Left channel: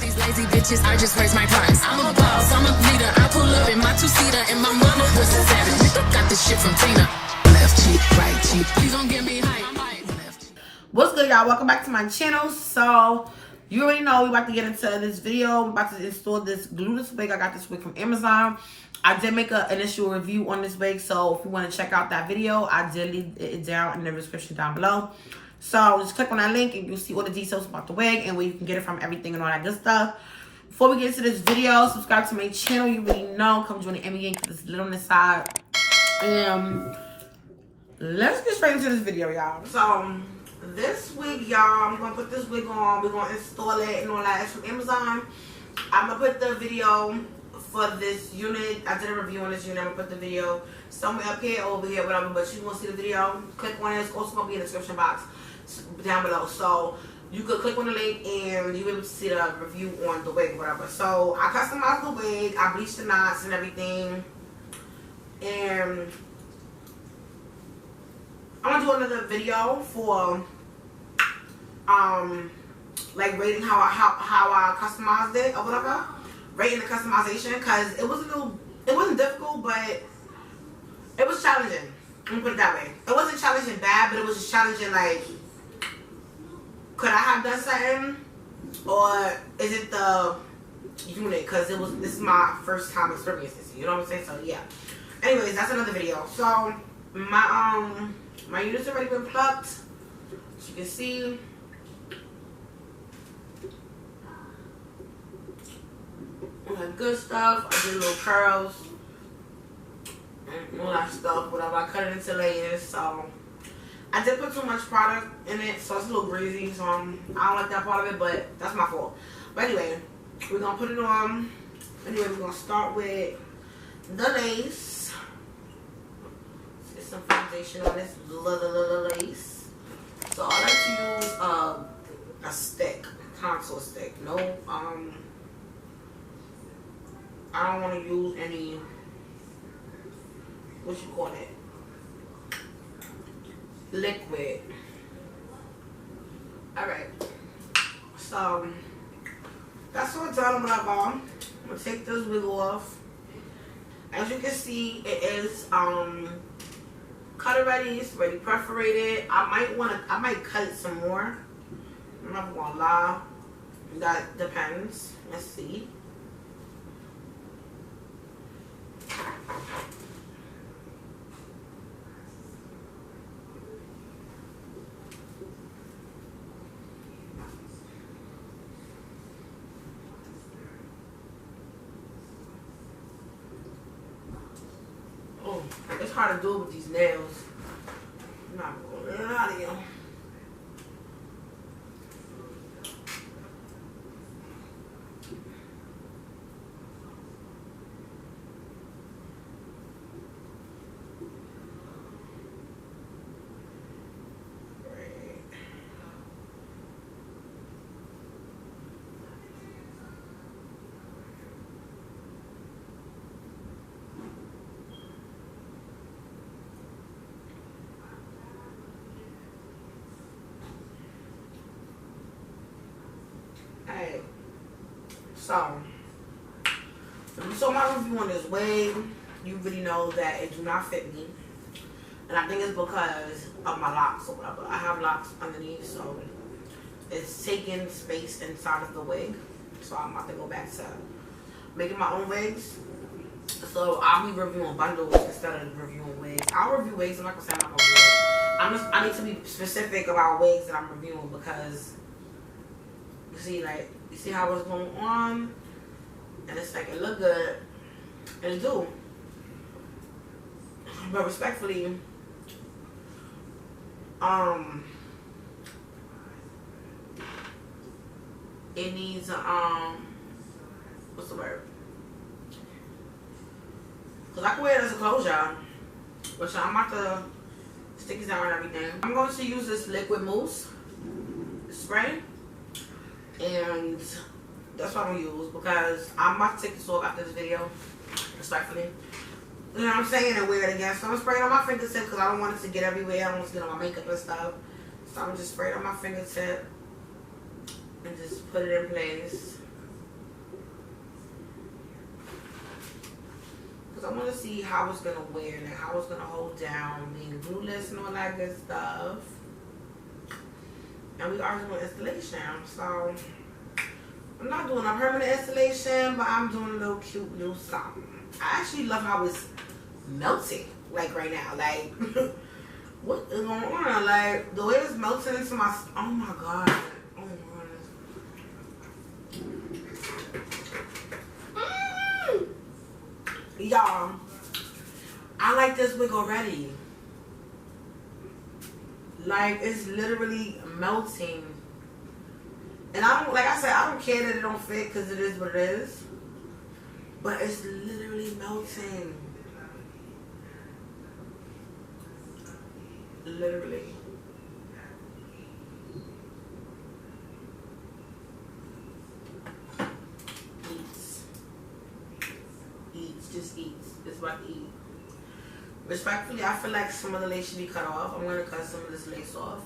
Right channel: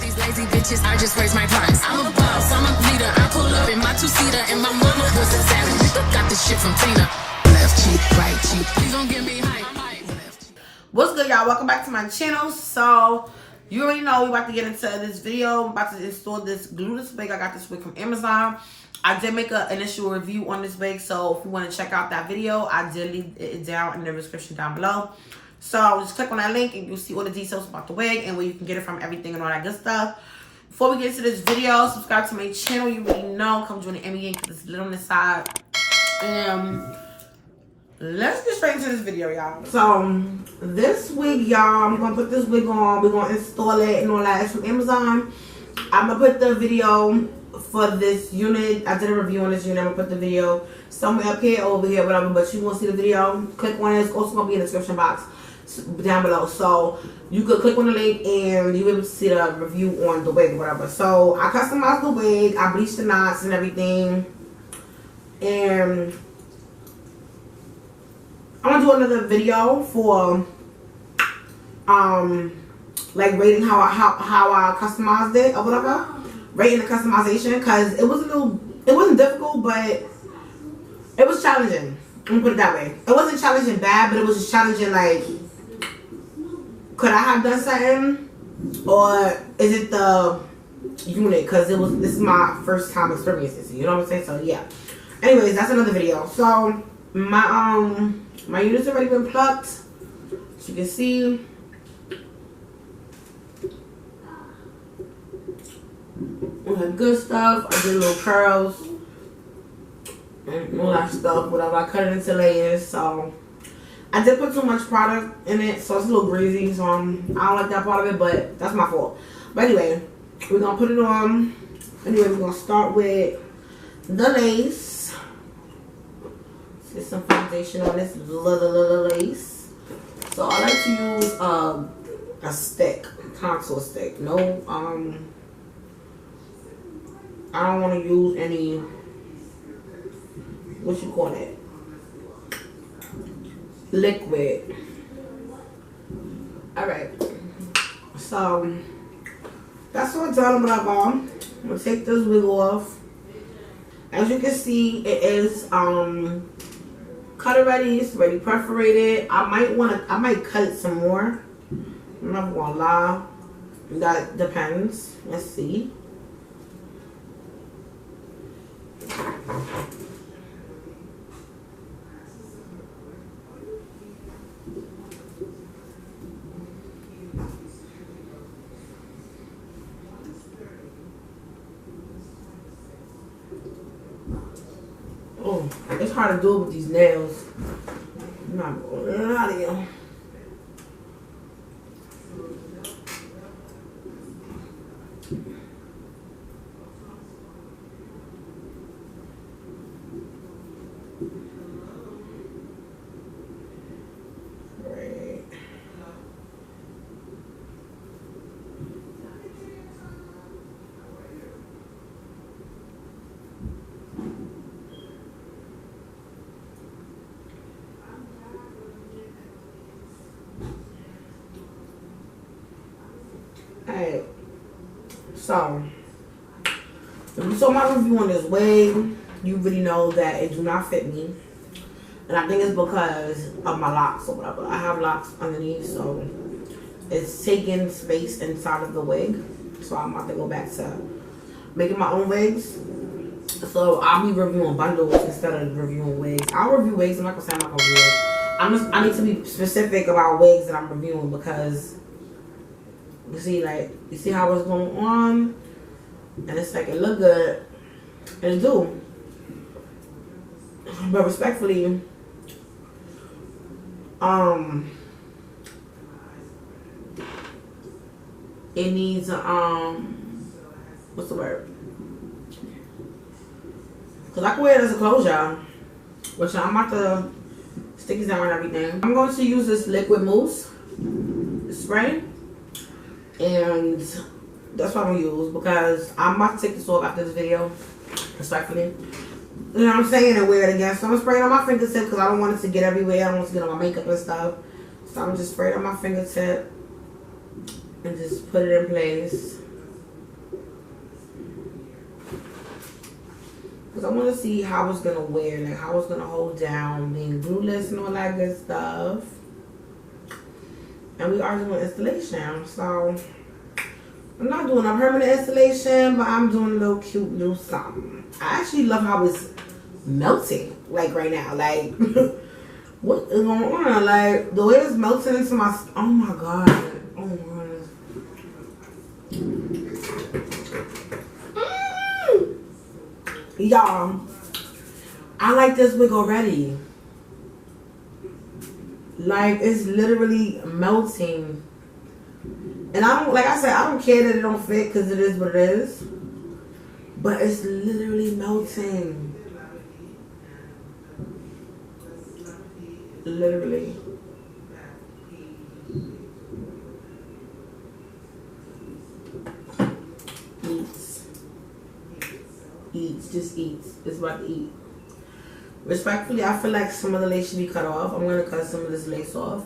These lazy bitches, I just raise my price. I'm a boss, I'm a leader. I pull up in my two-seater, and my mama was a savage. Nigga got this shit from Tina. Left cheek, right cheek. Please don't give me hype. What's good, y'all? Welcome back to my channel. So you already know we about to get into this video. I'm about to install this glueless wig. I got this wig from Amazon. I did make an initial review on this wig, so if you want to check out that video, I did leave it down in the description down below. So just click on that link and you'll see all the details about the wig and where you can get it from, everything and all that good stuff. Before we get into this video, subscribe to my channel. You already know. Come join the Emmy gang because it's lit on the side. Let's get straight into this video, y'all. So this wig, y'all, I'm gonna put this wig on. We're gonna install it and all that. It's from Amazon. I'm gonna put the video for this unit. I did a review on this unit. I'm gonna put the video somewhere up here, over here, whatever. But you gonna see the video. Click on it. It's also gonna be in the description box down below. So you could click on the link and you'll be able to see the review on the wig, whatever. So I customized the wig. I bleached the knots and everything. And I'm gonna do another video for like rating how I customized it or whatever. Rating the customization, because it wasn't difficult, but it was challenging. Let me put it that way. It wasn't challenging bad, but it was just challenging, like, could I have done something? Or is it the unit? Because this is my first time experiencing, you know what I'm saying? So yeah. Anyways, that's another video. So my unit's already been plucked. As you can see. All that good stuff. I did little curls. And all that stuff. Whatever. I cut it into layers. So I did put too much product in it. So it's a little greasy. So I don't like that part of it. But that's my fault. But anyway. We're going to put it on. Anyway, we're going to start with the lace. Get some foundation on this little lace. So I like to use a stick, contour stick. No, I don't want to use any, what you call it, liquid. All right. So that's what I'm done. Whatever. I'm gonna take this wig off. As you can see, it is cut already. It's already perforated. I might cut it some more. I'm not gonna lie. That depends. Let's see. Oh, it's hard to do it with these nails. I'm not going out of here. Alright, so if you saw my review on this wig, you really know that it do not fit me. And I think it's because of my locks or whatever. I have locks underneath, so it's taking space inside of the wig. So I'm about to go back to making my own wigs. So I'll be reviewing bundles instead of reviewing wigs. I'll review wigs. I'm not gonna say I'm not gonna review wigs. I need to be specific about wigs that I'm reviewing, because you see, like, you see how it's going on, and it's like, it look good, and it do. But respectfully, it needs what's the word? Cause I can wear it as a clothes, y'all. Which I'm about to stick it down and everything. I'm going to use this liquid mousse spray. And that's what I'm going to use, because I'm about to take this off after this video, respectfully. You know what I'm saying? And wear it again. So I'm spraying on my fingertip because I don't want it to get everywhere. I don't want it to get on my makeup and stuff. So I'm just spraying on my fingertip and just put it in place. Because I want to see how it's going to wear, like how it's going to hold down, being glueless and all that good stuff. And we are doing installation, so I'm not doing a permanent installation, but I'm doing a little cute little something. I actually love how it's melting, like right now. Like, what is going on? Like, the way it's melting into my, oh my god. Oh my goodness. Y'all, I like this wig already. Like, it's literally melting. And I don't, like I said, I don't care that it don't fit because it is what it is. But it's literally melting. Literally. Eats, just eats. It's about to eat. Respectfully, I feel like some of the lace should be cut off. I'm gonna cut some of this lace off.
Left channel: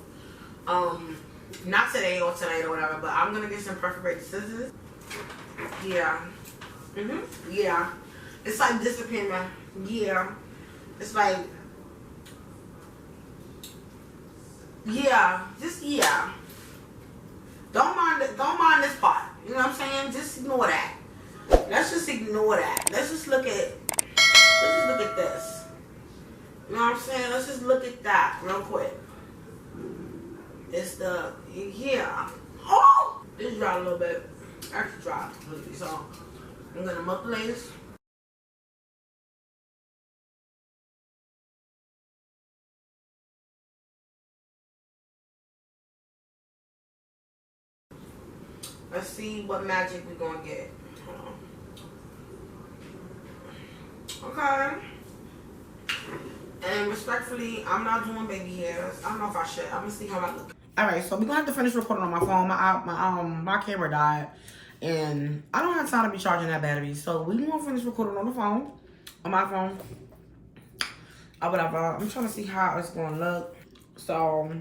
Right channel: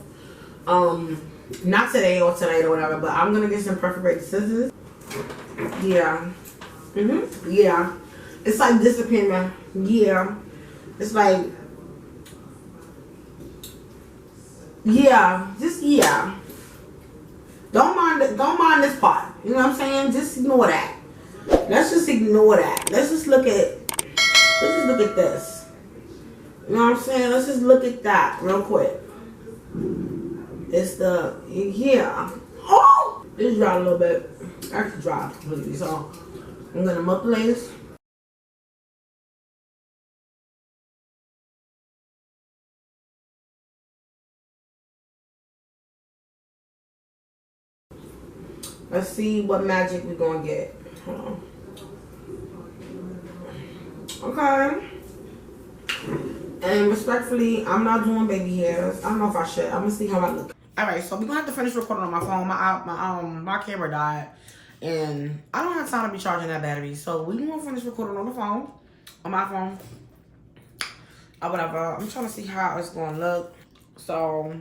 Not today or tonight or whatever, but I'm gonna get some perforated scissors. Yeah. Yeah. It's like disappearing. Yeah. It's like, yeah. Just, yeah. Don't mind this part. You know what I'm saying? Just ignore that. Let's just ignore that. Let's just look at this. You know what I'm saying? Let's just look at that real quick. It's the, yeah. Oh! It's dry a little bit. Actually dry completely. So, I'm going to melt the lace. Let's see what magic we're going to get. Hold on. Okay. And respectfully, I'm not doing baby hairs. I don't know if I should. I'm gonna see how I look. Alright, so we're gonna have to finish recording on my phone. My camera died. And I don't have time to be charging that battery. So we're gonna finish recording on the phone. On my phone. Or whatever. I'm trying to see how it's gonna look. So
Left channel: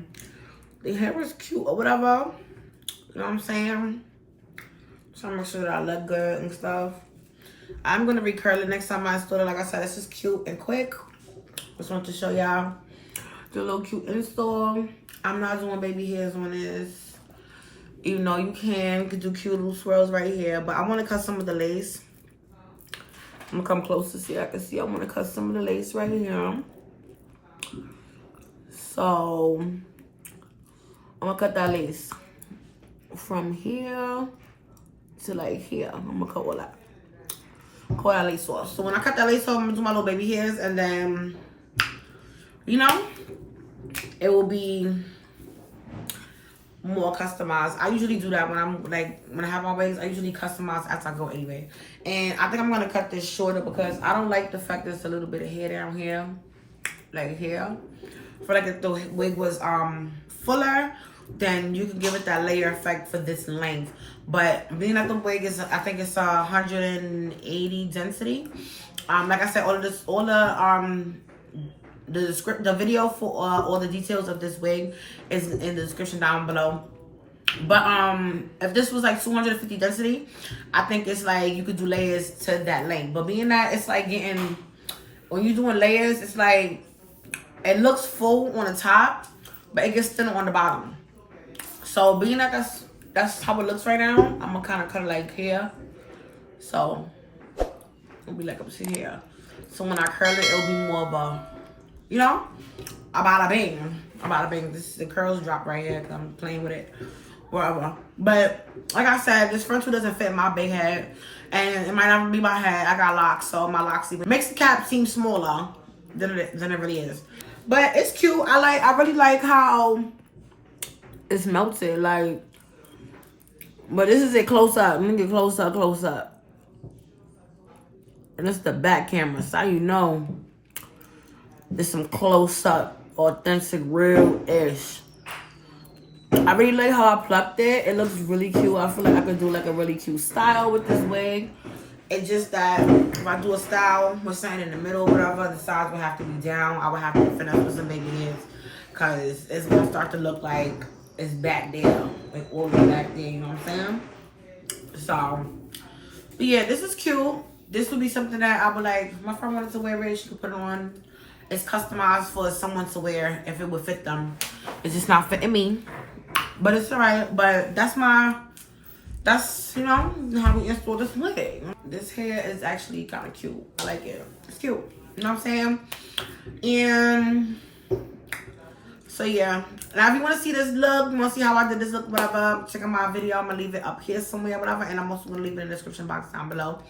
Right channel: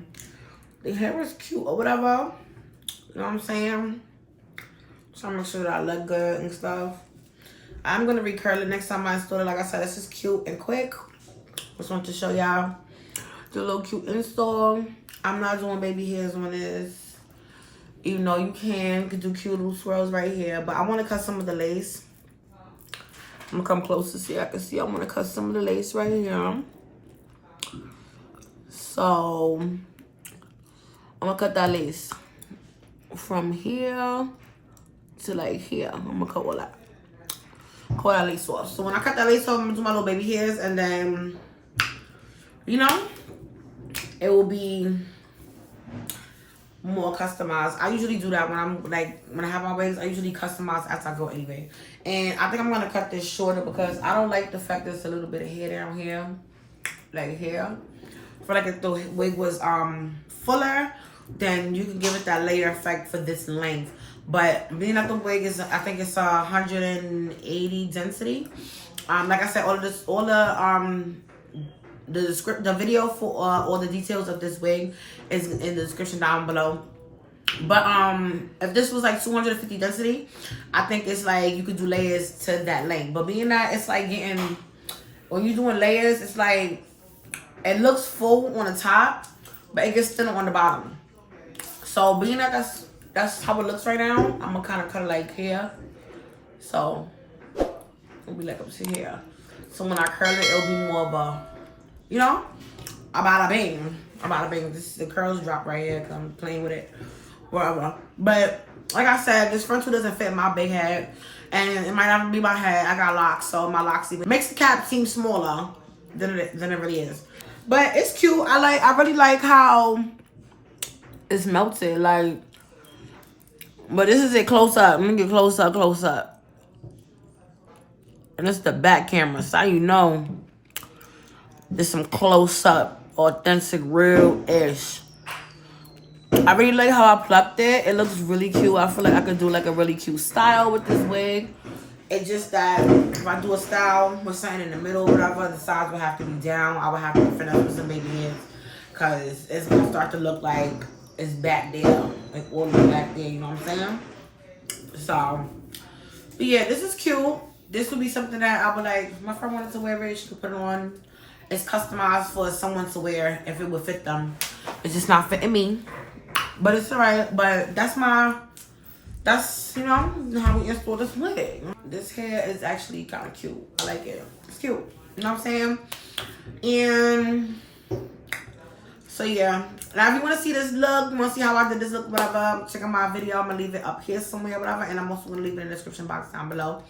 the hair is cute or whatever. You know what I'm saying? Trying to make sure that I look good and stuff. I'm gonna recurl it next time I install it. Like I said, it's just cute and quick. Just want to show y'all the little cute install. I'm not doing baby hairs on this. Even though you can do cute little swirls right here. But I want to cut some of the lace. I'm going to come closer so I can see. I want to cut some of the lace right here. So, I'm going to cut that lace from here to like here. I'm going to cut all that. Cut that lace off. So, when I cut that lace off, I'm going to do my little baby hairs. And then, you know, it will be more customized. I usually do that when I'm like, when I have my wigs, I usually customize as I go anyway. And I think I'm gonna cut this shorter because I don't like the fact there's a little bit of hair down here, like here. I feel like if the wig was fuller, then you can give it that layer effect for this length. But being that the wig is, I think it's 180 density. Like I said, the video for all the details of this wig is in the description down below. But if this was like 250 density, I think it's like you could do layers to that length. But being that it's like getting, when you're doing layers, it's like it looks full on the top, but it gets thinner on the bottom. So being that that's how it looks right now, I'm gonna kind of cut it like here. So it'll be like up to here. So when I curl it, it'll be more of a, you know, a bada bing. A bada bing. This is the curls drop right here because I'm playing with it. Whatever. But like I said, this front two doesn't fit my big head. And it might not be my head. I got locks, so my locks even makes the cap seem smaller than it really is. But it's cute. I really like how it's melted. Like, but this is it close up. Let me get close up. And this is the back camera, so you know there's some close-up, authentic, real-ish. I really like how I plucked it. It looks really cute. I feel like I could do like a really cute style with this wig. It's just that if I do a style with something in the middle or whatever, the sides would have to be down. I would have to finesse with some baby hairs because it's going to start to look like it's back there. Like all the way back there, you know what I'm saying? So, but yeah, this is cute. this would be something that I would like. My friend wanted to wear it. She could put it on. It's customized for someone to wear if it would fit them. It's just not fitting me. But it's alright. But that's, you know, how we install this wig. This hair is actually kind of cute. I like it. It's cute. You know what I'm saying? And so yeah. Now if you want to see this look, you want to see how I did this look, whatever, check out my video. I'm going to leave it up here somewhere, whatever. And I'm also going to leave it in the description box down below.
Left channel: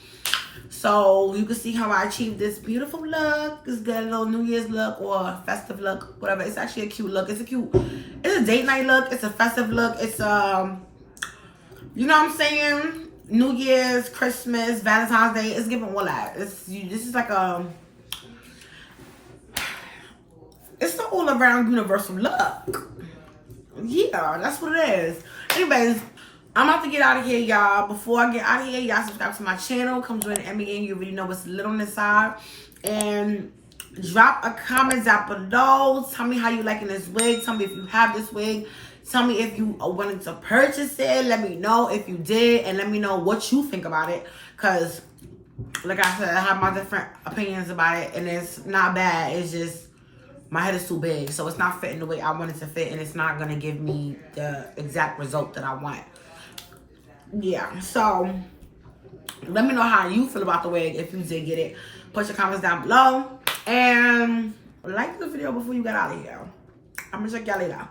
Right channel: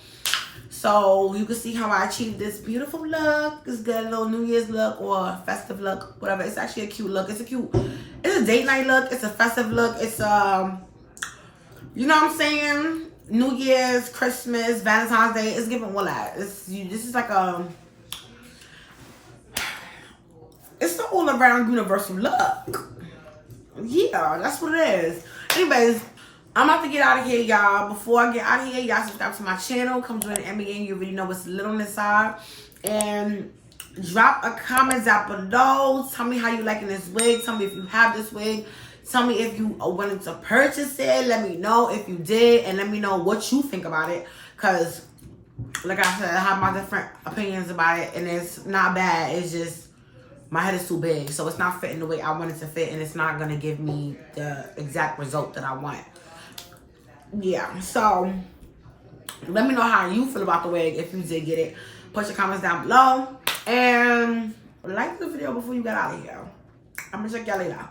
So you can see how I achieved this beautiful look. It's good, a little New Year's look or festive look, whatever. It's actually a cute look. It's a date night look. It's a festive look. It's you know what I'm saying? New Year's, Christmas, Valentine's Day. It's giving all that. This is like it's the all around universal look. Yeah, that's what it is. Anyways, I'm about to get out of here, y'all. Before I get out of here, y'all subscribe to my channel. Come join Emmy and you already know what's lit on this side. And drop a comment down below. Tell me how you liking this wig. Tell me if you have this wig. Tell me if you are willing to purchase it. Let me know if you did. And let me know what you think about it. Because, like I said, I have my different opinions about it. And it's not bad. It's just my head is too big. So it's not fitting the way I want it to fit. And it's not going to give me the exact result that I want. Yeah, so let me know how you feel about the wig if you did get it. Put your comments down below and like the video before you get out of here. I'm gonna check y'all later.